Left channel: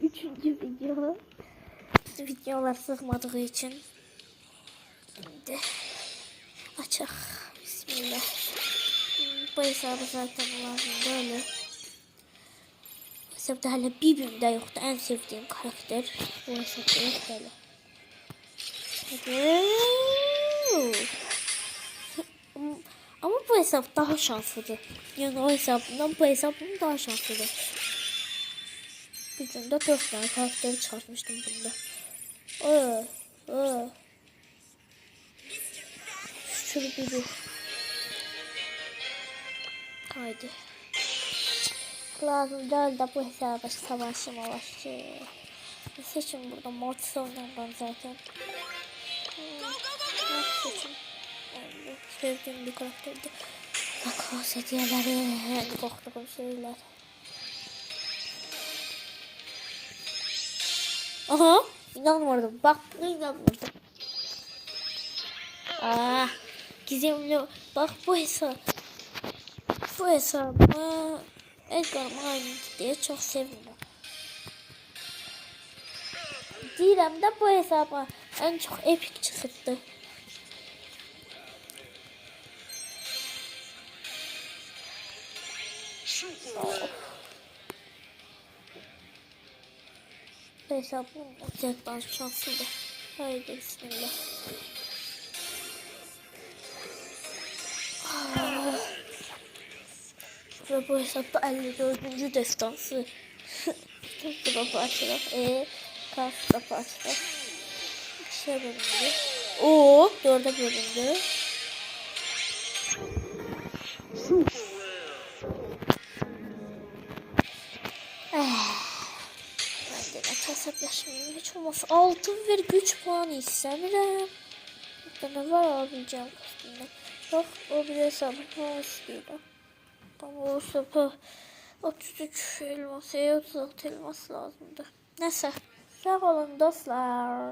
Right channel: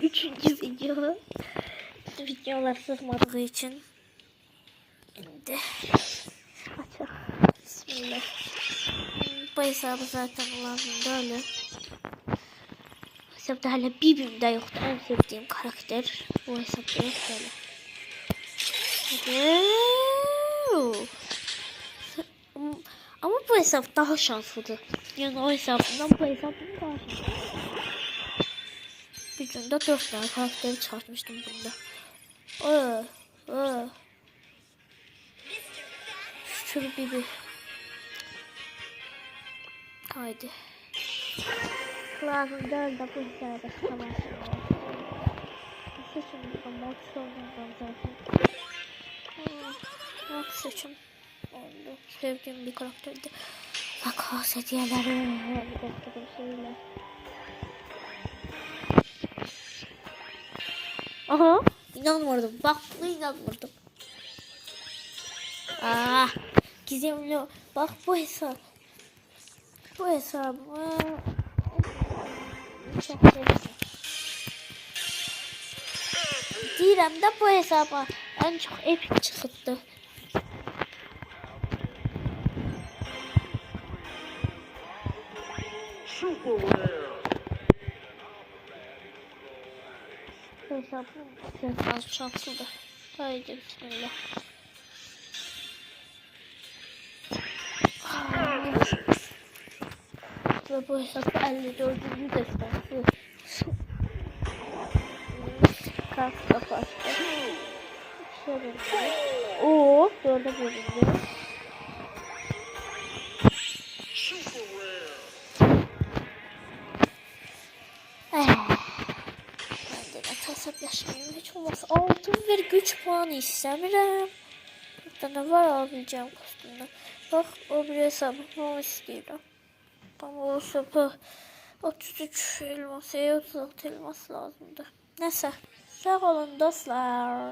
Üçüncü video. Videolar sığmadığı için. Şimdi açak. Bismillah. Bu hesabı zaten lazım böyle. Bu hesapta hala birbirinde yoktu. En sevdiğim karakter. Bu hesapta yok böyle. Ama bu hesap daha şanslıdır. Yani o hesabından bu hesabım daha şanslıdır. Bir günde 4 tane karakteri çıkartmıştım bunda. Şunu bir. Haydi. Lazım değil de bu hesaba savaşım olsun. Seçim burada mod oynamam zaten. Mod seçim. Sevdiğim bir karakterdi. Bak o hediyeleri korktuğum şeyler. Aha, inanmadım. Bak buna inanmadım. Gizemli. Bak bu hesabı Edgar diye çok seviyorum. Direm de bu hesaba en çok epic çıktı. Hesabım gerçekten şanslıdır. Haydi bismillah. Ve bu hesapta 54. destansı. Kapı açalım. Kas kapı açalım. Şey bölündü. Oo, 4'e bölündü. Ben de hesaplaşmayayım. Hiç olmazsa altın ver güç puanı istemiyorum. Bir tane var alabileceğim kostümden. Bak o bir hesabı istiyorum. Ama o hesabı 33 elmas, 36 elmas lazımdı. Neyse. Sağ olun dostlar.